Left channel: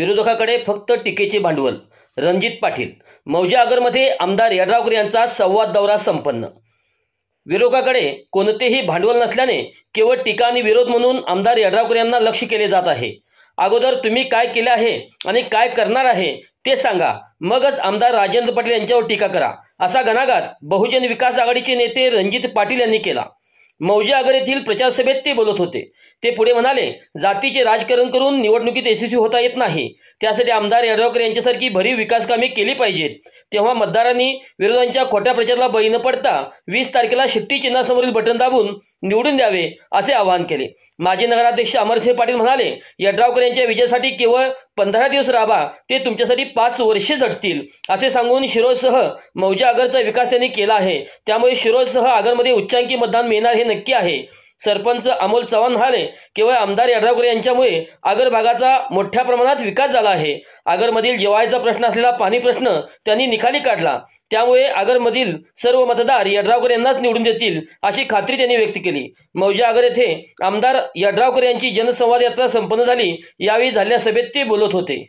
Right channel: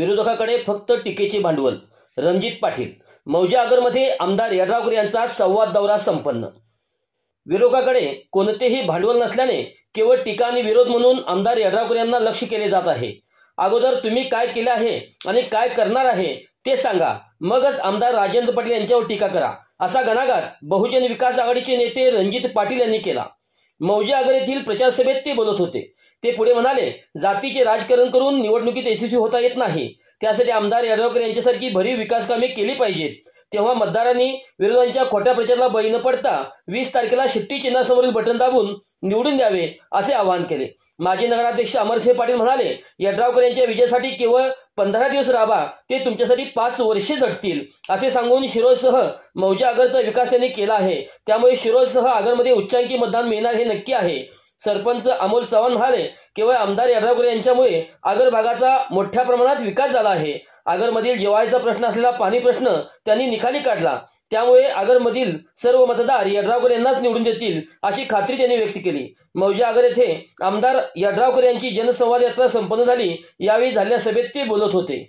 विरोधकाकडे फक्त टीकेचे भांडवल. रणजित पाटील. मौजे आगरमध्ये आमदार यड्रावकर यांचा संवाद दौरा संपन्न. विरोधकाकडे कोणतेही भांडवल नसल्याने केवळ टीका आणि विरोध म्हणून आमदार यड्रावकर यांना लक्ष्य केले जात आहे. अगोदर तुम्ही काय केले आहे आणि काय करणार आहे ते सांगा, मगच आमदार राजेंद्र पाटील यांच्यावर टीका करा, असा घणाघात बहुजन विकास आघाडीचे नेते रणजित पाटील यांनी केला. मौजे आगर येथील प्रचार सभेत ते बोलत होते. ते पुढे म्हणाले, जातीचे राजकारण करून निवडणुकीत यशस्वी होता येत नाही. त्यासाठी आमदार यड्रावकर यांच्यासारखी भरीव विकास कामे केली पाहिजेत. तेव्हा मतदारांनी विरोधांच्या खोट्या प्रचाराला बळी न पडता 20 तारखेला शिट्टी चिन्हासमोरील बटन दाबून निवडून द्यावे असे आवाहन केले. माजी नगराध्यक्ष अमरसिंह पाटील म्हणाले, यड्रावकर यांच्या विजयासाठी केवळ 15 दिवस राबा, ते तुमच्यासाठी 5 वर्षे झटतील असे सांगून शिरोळसह मौजे आगरचा विकास त्यांनी केला आहे. त्यामुळे शिरोळसह आगरमध्ये उच्चांकी मतदान मिळणार हे नक्की आहे. सरपंच अमोल चव्हाण म्हणाले, केवळ आमदार यड्रावकर यांच्यामुळे आगर भागाचा मोठ्या प्रमाणात विकास झाला आहे. आगरमधील जिव्हाळ्याचा प्रश्न असलेला पाणी प्रश्न त्यांनी निकाली काढला. त्यामुळे आगरमधील सर्व मतदार यड्रावकर यांनाच निवडून देतील अशी खात्री त्यांनी व्यक्त केली. मौजे आगर येथे आमदार यड्रावकर यांची जनसंवाद यात्रा संपन्न झाली. यावेळी झालेल्या सभेत ते बोलत होते.